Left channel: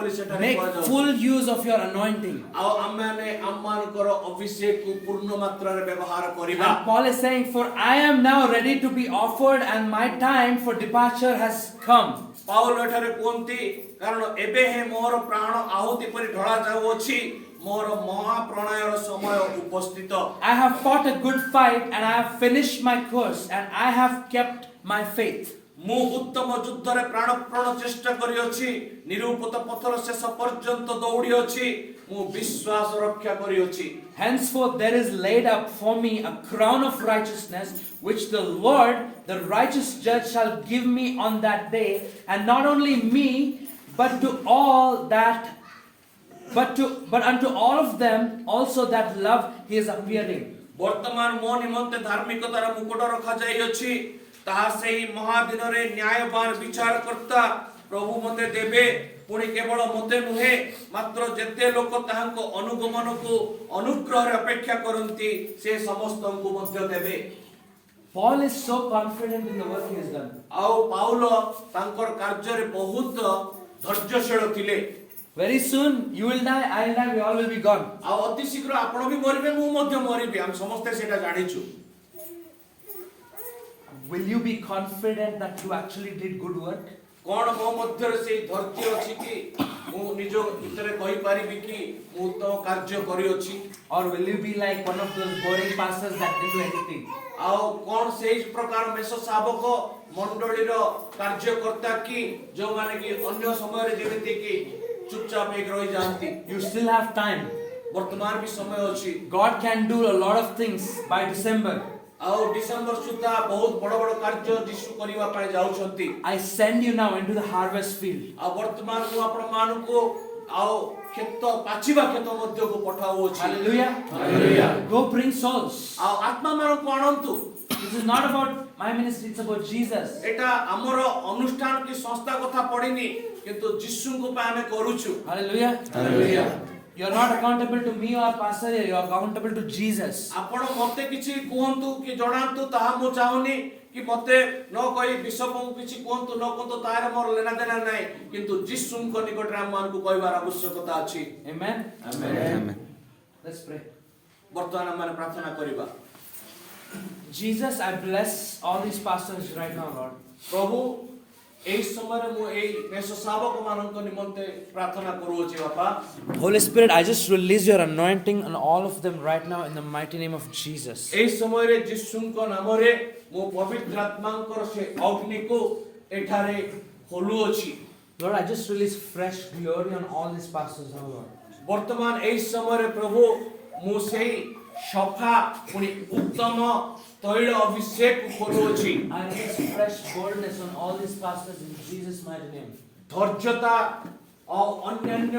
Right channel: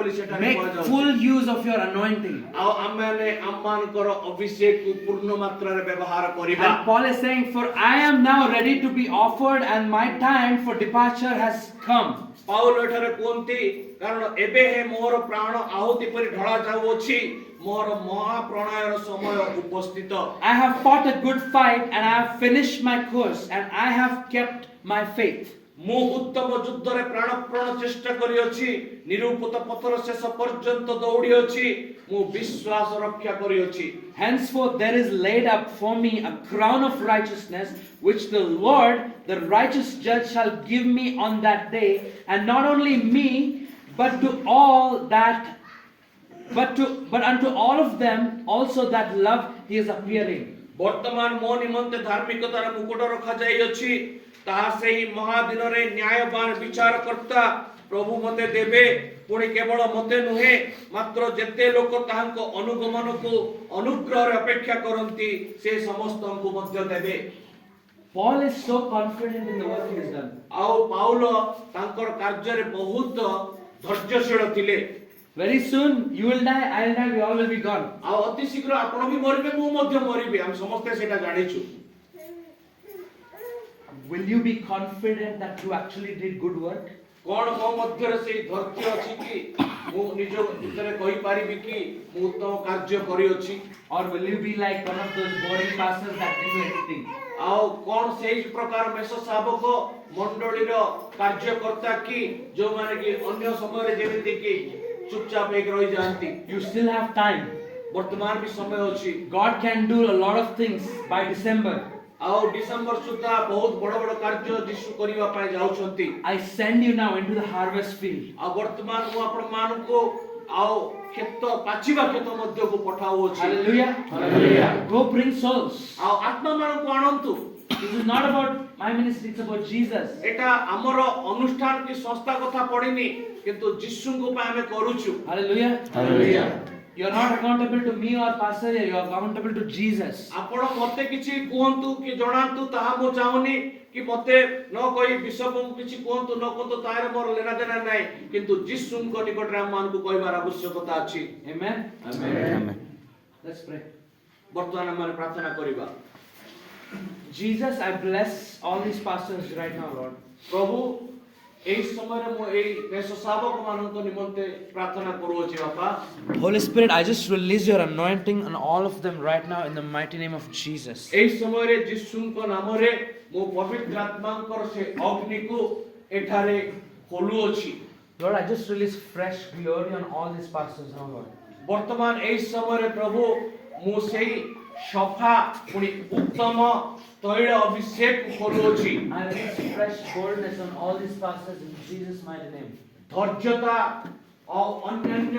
Make full use of your anointing. And Paul is saying, for I am now ready to be offered and my time for departure has come. Paul ଏଠାରେ କୁହନ୍ତି କାରଣ ଏବେ ହେ ମୋର ପ୍ରାଣ ଆହୁତି ପରି ଢଳା ଯାଉଅଛି ମୋର ମହାପ୍ରଣୟର ସମୟ ଉପସ୍ଥିତ I have fought a good fight and I have finished my course and I have kept my faith. ମୁଁ ଉତ୍ତମ ଯୁଦ୍ଧରେ ପ୍ରାଣପଣ ଚେଷ୍ଟା କରିଅଛି ନିରୂପିତ ପଥର ଶେଷ ପର୍ଯ୍ୟନ୍ତ ଦୌଡ଼ି ଅଛି ମୁଁ ବିଶ୍ୱାସ ରକ୍ଷା କରିଅଛି Henceforth there is laid up for me a crown of righteousness which the Lord the righteous judge shall give me on that day, and not only me but unto all of them also that love his appearing. ବର୍ତ୍ତମାନ ମୋ ନିମନ୍ତେ ଧାର୍ମିକତାର ମୁକୁଟ ରଖାଯାଇଅଛି ତାହା ସେହି ମହାଦିନରେ ନ୍ୟାୟବାନ ବିଚାରକର୍ତ୍ତା ପ୍ରଭୁ ମୋତେ ଦେବେ ପୁଣି କେବଳ ମୋତେ ନୁହେଁ ମାତ୍ର ଯେତେ ଲୋକ ତାହାଙ୍କ ଅନୁଗମନକୁ ଅନୁଗ୍ରହରେ ଅପେକ୍ଷା କରନ୍ତି ସେ ସମସ୍ତଙ୍କୁ ମଧ୍ୟ ଦେବେ Paul is so confident in the work he has done. ଆଉ ପାଉଲ ତାଙ୍କର କାର୍ଯ୍ୟରେ ବହୁତ ଧୈର୍ଯ୍ୟଶୀଳ ଥିଲେ Very soon you will die, I will die, we all will be gone. ଆଉ ଅତି ଶୀଘ୍ର ଆପଣ ବି ମରିବେ ମୁଁ ମଧ୍ୟ ମରିବି ଆମେ ସମସ୍ତେ ସେଇଟା ଜାଣିଛୁ Will you be confident that you actually did good work? କଣ ମୋ ମଧ୍ୟରେ ସେଇ ଧୈର୍ଯ୍ୟ ଅଛି କି ମୁଁ ନିଜ ଭିତରେ କହିପାରିବି କି ମୁଁ ଉତ୍ତମ କାର୍ଯ୍ୟ କରିଅଛି Or will you be like one of those boring pastors that didn't do anything? ଆଉ କଣ ସେଇ ପ୍ରକାର ମେଷ ଶାବକ ମଣ୍ଡଳୀର କାର୍ଯ୍ୟକର୍ତ୍ତା କି ଯେଉଁମାନେ କି ଅନ୍ୟ ସମୟରେ ଯେମିତି କି ଚୁପଚାପ ହେଇକି ରହିଯାଆନ୍ତି You still have time. ବର୍ତ୍ତମାନ ବି ସମୟ ଅଛି God can do a lot of things by December. ଆଉ ଡିସେମ୍ବର ସୁଦ୍ଧା ବହୁତ ବଡ଼ ବଡ଼ କାର୍ଯ୍ୟ ଯୀଶୁ କରିବା ପାଇଁ ଯାଉଛନ୍ତି I send you now into the harvest field. ଆଉ ବର୍ତ୍ତମାନ ମୁଁ ଆପଣମାନଙ୍କୁ ଆଉ କ୍ଷେତ ପାଚିବା କ୍ଷେତ ମଧ୍ୟକୁ ପଠାଉଅଛି Hallelujah. Hallelujah. Go bring souls. ଆଉ ଆତ୍ମାମାନଙ୍କୁ ଆଣନ୍ତୁ This is not about my ministry, it's about Jesus. ଏଟା ଆମର ଅନୁଷ୍ଠାନ କି ସଂସ୍ଥା କଥା ପଡ଼ିନି କିନ୍ତୁ ଯୀଶୁଙ୍କ ପାଇଁ ଆମେ କରୁଛୁ Hallelujah. Hallelujah. You are not accountable to me or pastor, you are accountable to Jesus. ଆପଣ ମୋତେ କିଛି କୁହନ୍ତୁ କି ଜଣାନ୍ତୁ ତାହା ମୁଁ ଚାହୁଁନି କି ମୋତେ ନ କହି ବିଶପଙ୍କୁ କିଛି କୁହନ୍ତୁ ନ କୁହନ୍ତୁ ତାହାର ମୋର ଲେନା ଦେନା ନାହିଁ କିନ୍ତୁ ଯୀଶୁଙ୍କ ନିକଟରେ ଆମମାନଙ୍କୁ କହିବାର ଆବଶ୍ୟକତା ଅଛି Amen. Amen. Let's pray. ବର୍ତ୍ତମାନ ଆମେ ପ୍ରାର୍ଥନା କରିବା Jesus, I bless all these pastors right now, Lord. ପ୍ରଭୁ ଏହି ସମୟରେ ମୁଁ ଏହି ମେଷ ଶାବକମାନଙ୍କ ନିମନ୍ତେ ପ୍ରାର୍ଥନା କରୁଅଛି ବାପା Holy Spirit, I just release your anointing on all of them right now in the mighty name of Jesus. ଏହି ସମୟରେ ଯୀଶୁଙ୍କ ନାମରେ ମୁଁ ପବିତ୍ର ଆତ୍ମାଙ୍କର ସେ ଅଗ୍ନିକୁ ଏଠାରେ ଖୋଲୁଅଛି Lord, I just release fresh glory on all these pastors now, Lord. ବର୍ତ୍ତମାନ ଏହି ସମୟରେ ପ୍ରଭୁ ମୁଁ ସେହି ସଫା ପୁଣି ଉତ୍ତମ ତୈଳ ଅଭିଷେକ ଖୋଲୁଅଛି I release fresh boldness on all these pastors in Jesus' mighty name. ଧୈର୍ଯ୍ୟତା ଆଉ ଅନ୍ୟାନ୍ୟ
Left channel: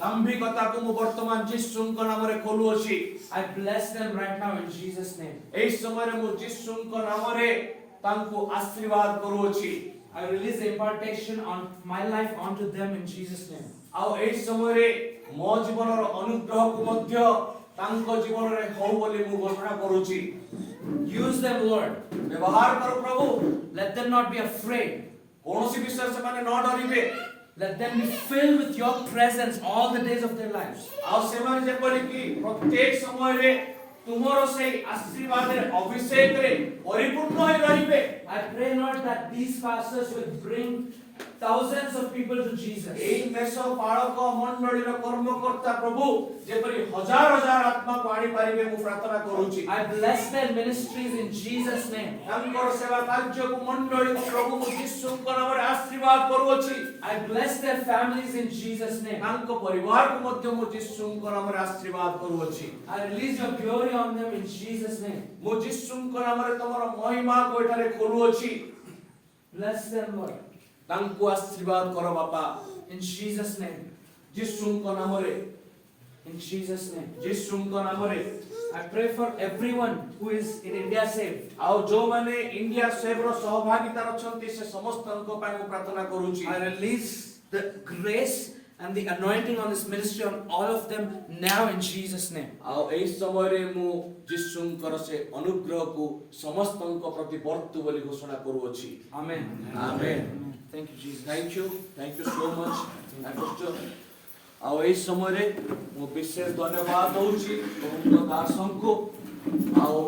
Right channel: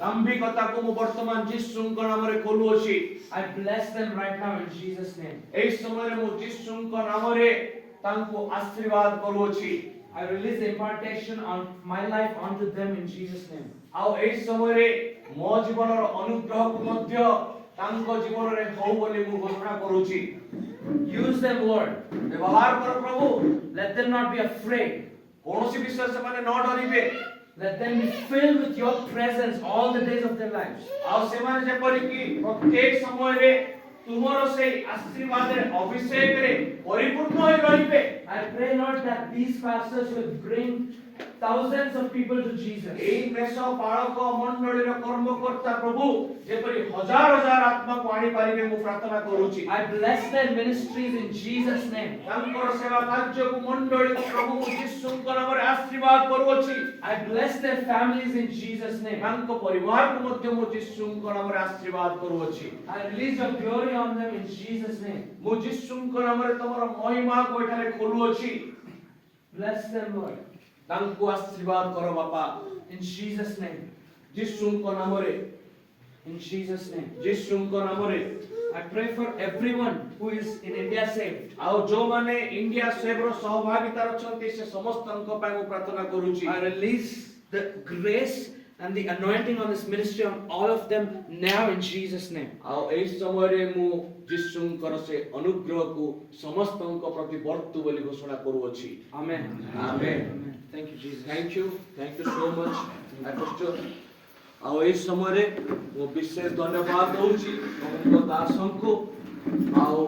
ଦାମ୍ଭିକତାକୁ ମୁଁ ବର୍ତ୍ତମାନ ଯୀଶୁଙ୍କ ନାମରେ ଖୋଲୁଅଛି I bless them right now in Jesus' name. ଏହି ସମୟରେ ମୁଁ ଯୀଶୁଙ୍କ ନାମରେ ତାଙ୍କୁ ଆଶୀର୍ବାଦ କରୁଅଛି I release impartation on my life onto them in Jesus' name. ଆଉ ଏହି ସମୟରେ ମୋ ଜୀବନର ଅନୁଗ୍ରହକୁ ମଧ୍ୟ ତାଙ୍କ ଜୀବନରେ ହଉ ବୋଲି ମୁଁ ଘୋଷଣା କରୁଛି Use them, Lord. ବ୍ୟବହାର କର ପ୍ରଭୁ Let them not be afraid. କୌଣସି ବିଷୟରେ ସେମାନେ ନ ଡରିବେ Let them be filled with your presence all the days of their lives. ଆଉ ସେମାନେ ଯେପରିକି ପ୍ରତ୍ୟେକ ସମୟରେ ତୁମର ସେଇ ଆଶୀର୍ବାଦରେ ଅଭିଷେକରେ ପରିପୂର୍ଣ୍ଣ ହୋଇ ରହିବେ I pray, Lord, that these pastors will bring thousands of people to Jesus. ଏହି ମେଷ ପାଳକ ମଣ୍ଡଳୀର କର୍ମକର୍ତ୍ତା ପ୍ରଭୁ ଯେପରି ହଜାର ହଜାର ଆତ୍ମାକୁ ଆଣିପାରିବେ ମୁଁ ପ୍ରାର୍ଥନା କରୁଛି I bless their ministries in Jesus' name. ତାଙ୍କର ସେବା କାର୍ଯ୍ୟକୁ ମଣ୍ଡଳୀକୁ ପ୍ରଭୁ ମୁଁ ଯୀଶୁଙ୍କ ନାମରେ ଆଶୀର୍ବାଦ କରୁଅଛି I bless their families in Jesus' name. ତାଙ୍କ ପରିବାରକୁ ମଧ୍ୟ ମୁଁ ଯୀଶୁଙ୍କ ନାମରେ ଆଶୀର୍ବାଦ କରୁଅଛି I release your glory on them in Jesus' name. ମୁଁ ଯୀଶୁଙ୍କ ନାମରେ ତମର ମହିମାକୁ ଏଠାରେ ଖୋଲୁଅଛି Bless them, Lord. ତାଙ୍କୁ ଆଶୀର୍ବାଦ କର ବାପା In Jesus' name. ଯୀଶୁଙ୍କ ନାମରେ In Jesus' name. ଯୀଶୁଙ୍କ ନାମରେ I pray for everyone who is in India saved. ଆଉ ଯେଉଁମାନେ ଇଣ୍ଡିଆ ସେଭର ସହଭାଗିତାର ଅଛନ୍ତି ସେ ସମସ୍ତଙ୍କ ପାଇଁ ମୁଁ ପ୍ରାର୍ଥନା କରୁଛି I release the grace and the anointing on this ministry on all of them now in Jesus' name. ଆଉ ଏହି ସମୟରେ ମୁଁ ଯୀଶୁଙ୍କର ସେ ଅନୁଗ୍ରହକୁ ସମସ୍ତଙ୍କ ପ୍ରତି ବର୍ତ୍ତୁ ବୋଲି ଘୋଷଣା କରୁଅଛି Amen. Amen. Thank you, Jesus. Thank you so much. ଆକୃଷ୍ଟ ଆଉ ଏହି ସମୟରେ ମୁଁ ବିଶେଷ ଧନ୍ୟବାଦ ଦଉଛି ପ୍ରଭୁଙ୍କ ଦାସଙ୍କୁ ଆଉ